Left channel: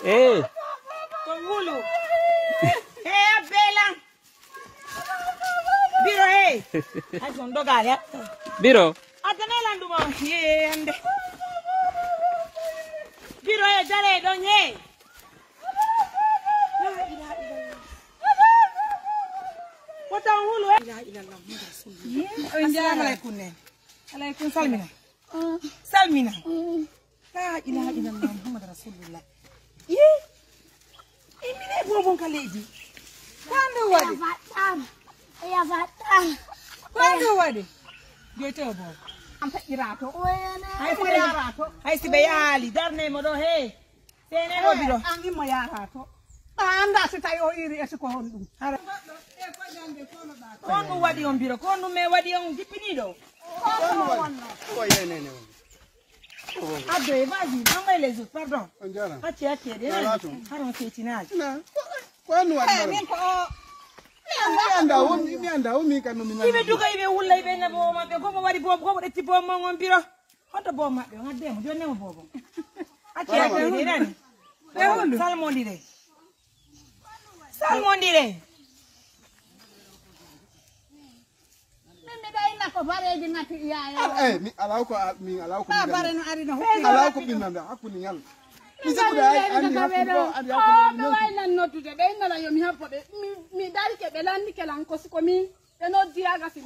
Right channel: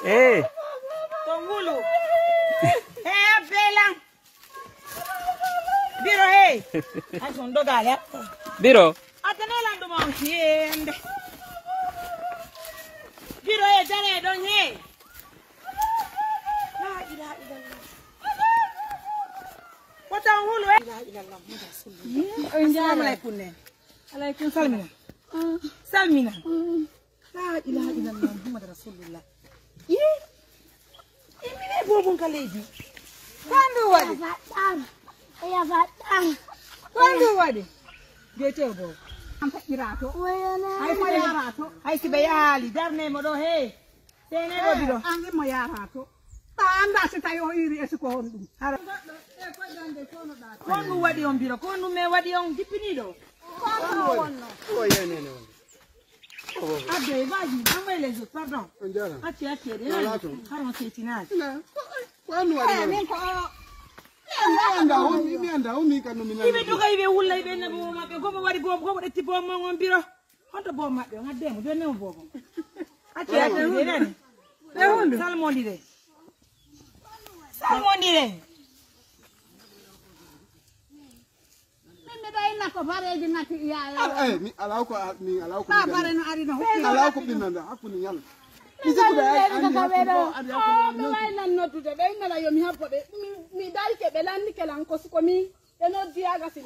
Hey. Tongulu. Hey, Bella. Biro, hey. I don't know that. Biro. Atenela ndo mwangiende. Biro, hey, jare, don't ye. La ilaha illallah. What a hulu, eh? La ilaha illallah. Assalamu alaikum. Alaikum salamina. Salamina. La ilaha illallah. Muhammad Rasulullah. Yeah. Imine bobon kaleji. Kwando wadi. Ya vatan. Kwando wadi. Biete obo. Ampe irato. Hai fa ya rato. Hai si bayali darne modo he. Tene mo bido. Angi mo ya rato. Ta anda si tayo iri esiko hondum. Ara. Kono wadi on biro. Kono me wadi on dipinido. Abe, vas-y, envoie les autres, pardon. Ah, tu as tiré. Haron Ketinaz. Non. Ibe duka ibe wulla ibe ne bo ma be gobo wari bo gobo de tipo mo ngon biro. Hoto bo ma be ngadem do ne bo bo. Ati ya be dani. Salmon dire. Salmon dire. Ni alauko binanda akuni nyal.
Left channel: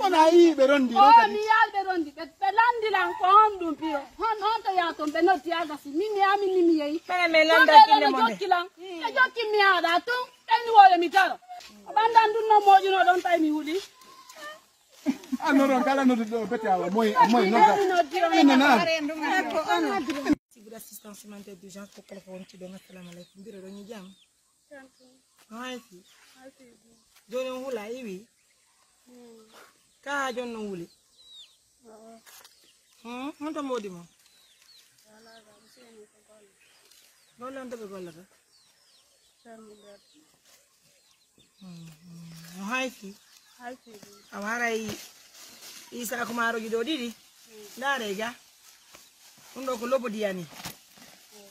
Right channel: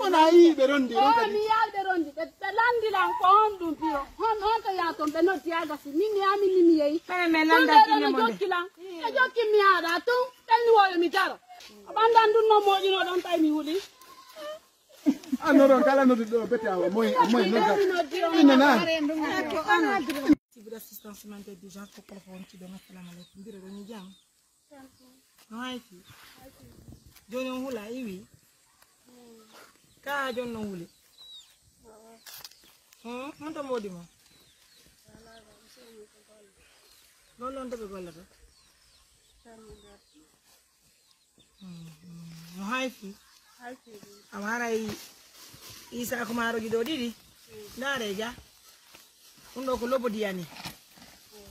Ona yi be rondi. Oh, mi albe rondi. Be landi lan ko hondum pio. Hon to ya to be no tiaga si mi ami ni mi yi. Kay me landa kile mo be. E jokki mi ada tu en wo mi tara. Bandan dun no moju no don tay mi wuli. No, kala no do bete awa moy no. Assistance humanitaire des gens pour téléphone ci ben assalamu alaykum biro dañu jam. Haiti. Jono hula iwi. Ka jono huli. Monta modi mo. Golan to be golata. Haiti. Amarai isa kumaro gido didi. Ndare ga. Ndo ko lobo diani.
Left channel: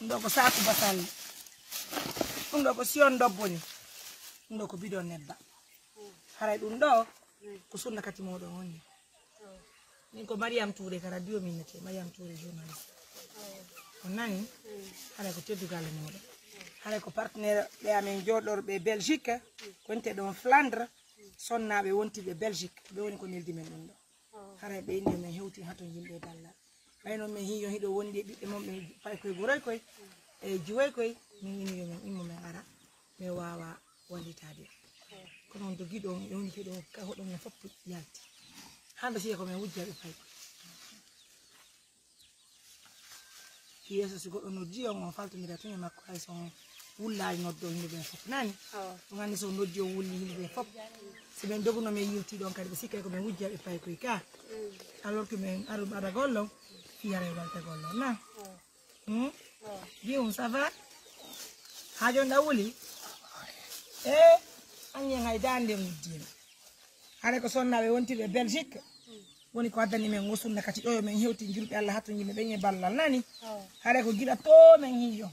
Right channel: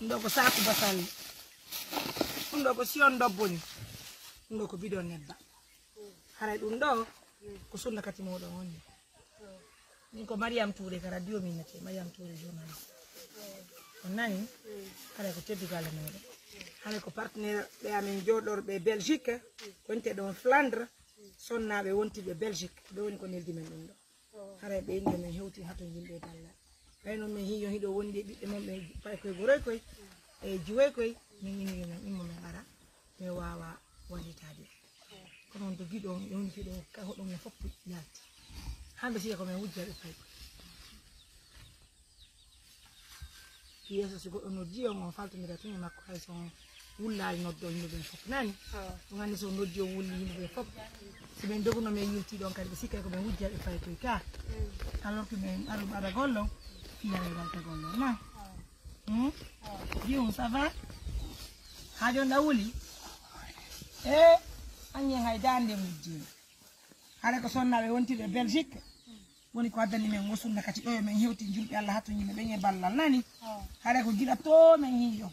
Ndo ko saatu basal. Ndo ko sion dobboni. Ndo ko bidon nebba. Haray dum do ko sunna kati modo wonni. Ni ko Mariam Touré ka radio minete Mariam Touré journaliste. On nani haray ko teddigal modo. Haray ko partenaire be amen jodorbe Belgique ko ente don Flandre sonnabe wonti be Belgique do woni ko neldi men dum. Haray be inde men hewti hato yimbe dalla. Ayno mi hiyo hido wondi bibbe mum be pay koy buroy koy e juway koy min ni ngam immo me ara me wawa wallitade ko non do gido yoni hido ka hodon ne fop yalti hande si ko me wujja be pay yeso si goddo no dio on faltimira to makko hay son wullaay noddo yimbe be fop nani ngani so noddi o wulli yimbe be fop si ben doguno me yilti don kadi be sikke ko me wujja be pay koy ka alors que men aru baba gollo yare dal tegollo na Dion ça va hajo ndawuli anye ngay dande muddi ala ko sonnabe wonti be Belgique woni ko addani men wosunna kati do men hewti julbe Allah hatto yimbe be ballal nani ala ko gila to men hiyo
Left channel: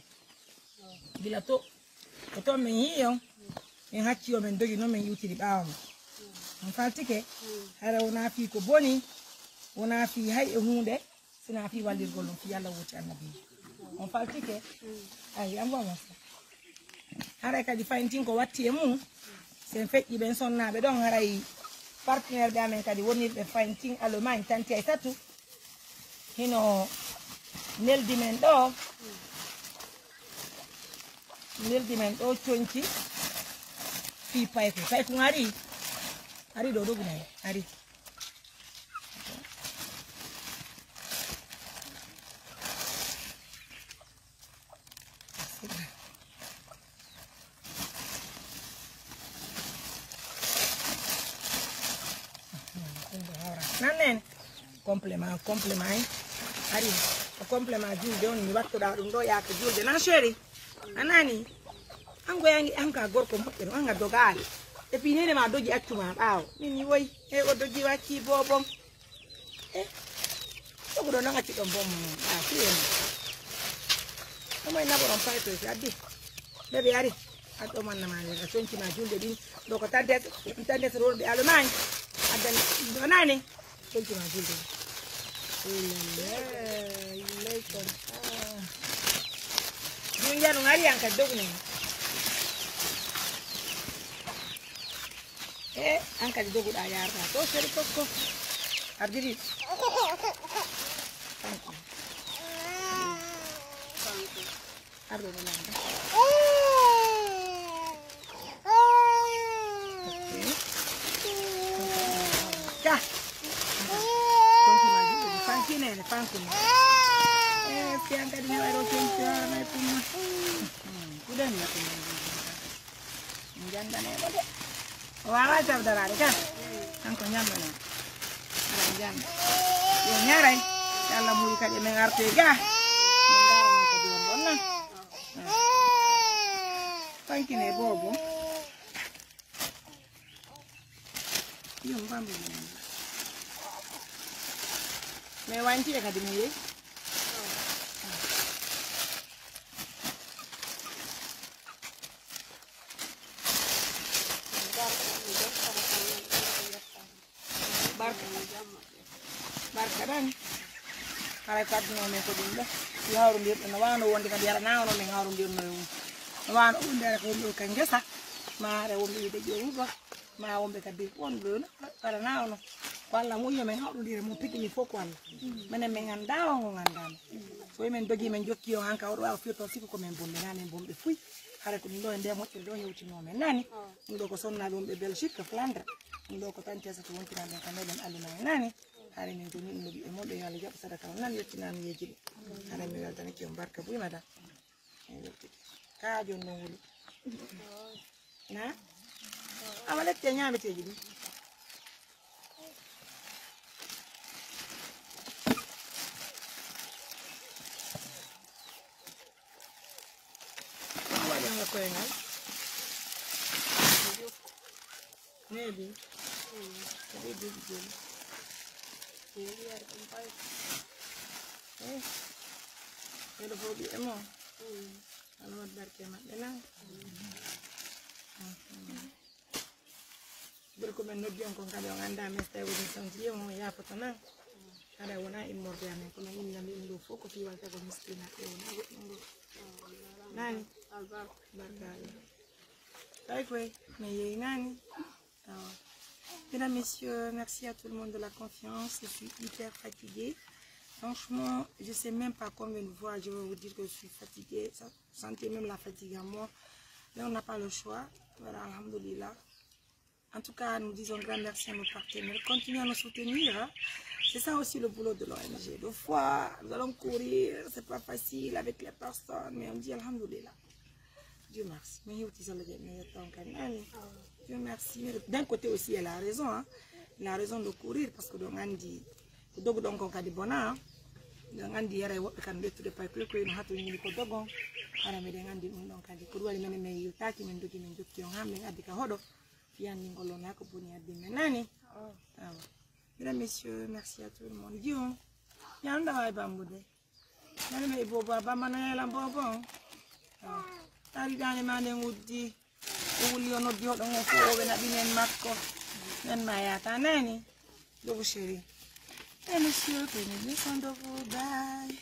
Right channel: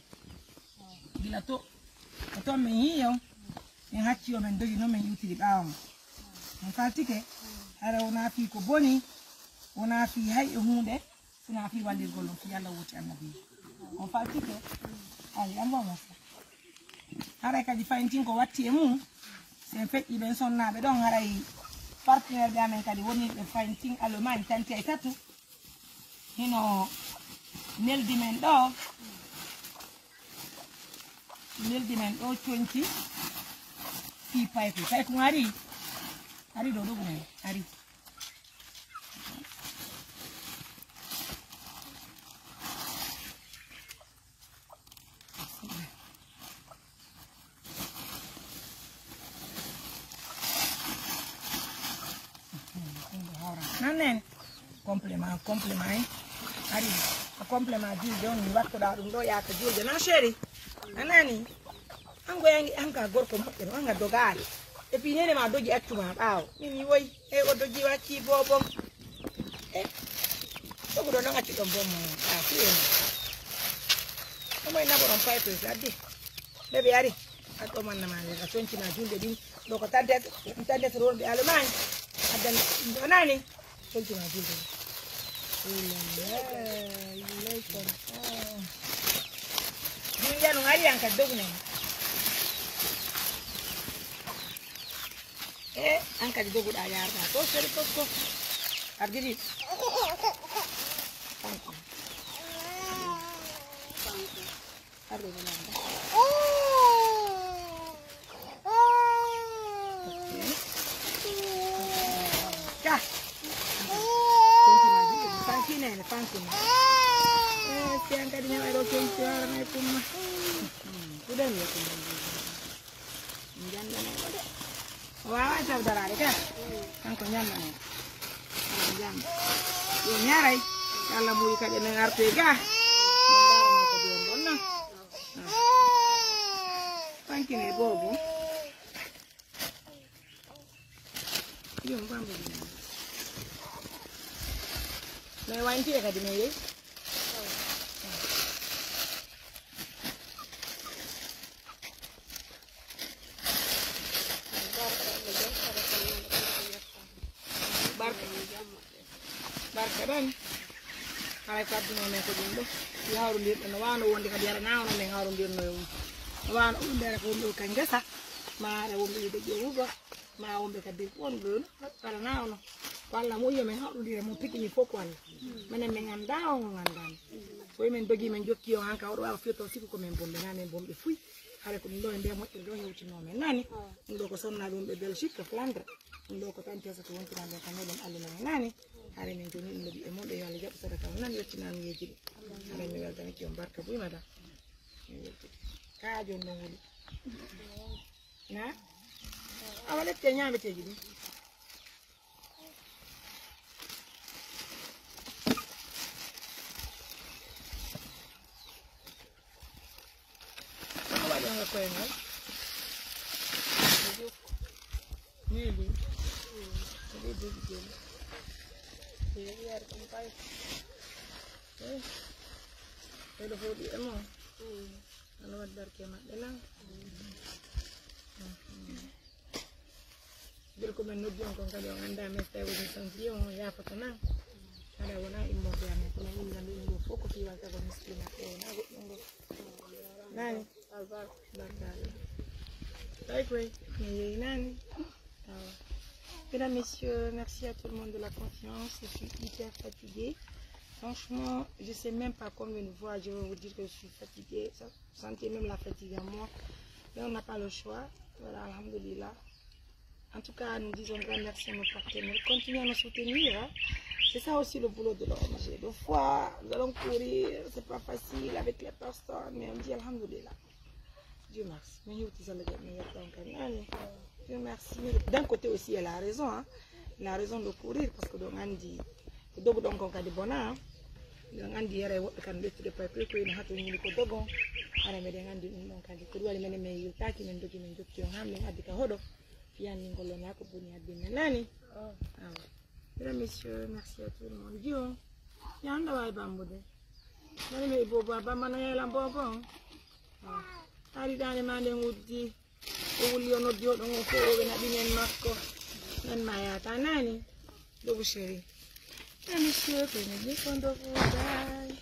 gila to men hiyo en hakki o men dogi no men yutiri bawam en faltike ala wona fi ko boni wona fi hay hunde sina fi wallir golon fi yalla woti annabi on faltike ay am wama hara kadi fayntin ko watti e mum sen feƴƴi ben sonnabe don haray partenaire be amen kadi woni be fayntin Allemagne tanti ay tatu hino neldi men do tonki fi payko ari do dogumay ari nanen complément ari complément julde on mi wakkoɗa ɗum ɗo yaako julde na chéri anani an goyangi an ka gorko moƴƴere anga dogaali et puis nene ma dogi accuma ɓaawo min woyi e o dogi wakki bobon e ɗogoɗo noon acci ɗon bom a fiyema omoye naboɗon paytoy addi ɓeɓe ari aɗɗo mannama a concima julde ɗin ɗo ko taddet rorɓe allemagne addani donani concima julde ɗum janu ari an kadi dogunen e an kadi doguɗa yarata to seri kokko ardiri kanko arde ɗonanda ja fankine fankine siang kadi nyawa ro cengcior mai pun udah nih aku jangan nih udah wah macam darah kan kan konyam mana jangan yo nyarai kalau mau ikat yang ngerti ga nendara mau kedua mana fankine bobo yo mbambe me wanti ya kadi me barkadan kala kaddu no men ko dum be yawru lir no wano wonde kadi yara nawno men hawru lir no wano undere ko do kan gesa maare wombe de jewugo ma wombe kadi wondo kala nawno walla mo yemen hawru lir mo pikini foko walla menen men ganda o ngandam so men dogi men jokki o hanka o wa fioto siku ko men bombe na men bombe fuy kala ko do ende mo do yewti no men nani do ko sonna dum be Belgique Flandre do ko tan tesa to wontina ben kanelen alina nani hare min joni ɗum ɗi e moɗo yo Allah jaɓa sadaka nan yettinami yeji ɗi hare mi weltani ki on barka buy madam ka jon ɗon wuli na awa lette ñameteji ɗi waɗenga koyengal maybe oɗo jogi joni ele fodi emo ala wadarke mabbe la bir ko men noddi on ko kadi on anda mes taw ni santi mo ya foto na ala wona immorde ame ko non ngam ɗum ɗo fof ko fi wanka ko miskina e wona goɗɗum ɗo nani albar barkale tay koy mi yeyi nani Mesdames, messieurs, merci à tout le monde de la confiance. Je suis hyper fatiguée. Franchement, je ne sais même pas combien de fois je vais vous dire que je suis fatiguée. Ça, sentez même la fatigue à moi. Mais on n'a pas le choix. Voilà, alhamdoulilah. En tout cas, nous disons grand merci à nos partenaires. Continuez à nous soutenir. Hein. C'est ça aussi le boulot de l'ONG. Des fois, nous allons courir. C'est pas facile avec les personnes. Mais on dit alhamdoulilah. Dieu merci. Dieu merci. D'un côté aussi, elle a raison. Hein. Elle a raison de courir parce que on dit dogo donc on a des bonheurs. On dit yare wobe kan de tude pay ko no hatu ni ko dogo. Ala me de ngandi dum donc adi ko wali men me yutaki men dogi men jokki on hamme abika hodo. Fian ni ngolo na ko boni abbi men nani. Ah. Mesdames, messieurs, merci à tout le monde. Dieu. Yanda way bambude. Nani me bobo bamana yela bobo. Ah. Ari dane mande nguddi. Wuli ono dio don fo o bena dinen makko nen mayata nani dobu chéri et monsieur prenez bien soin de vous bye.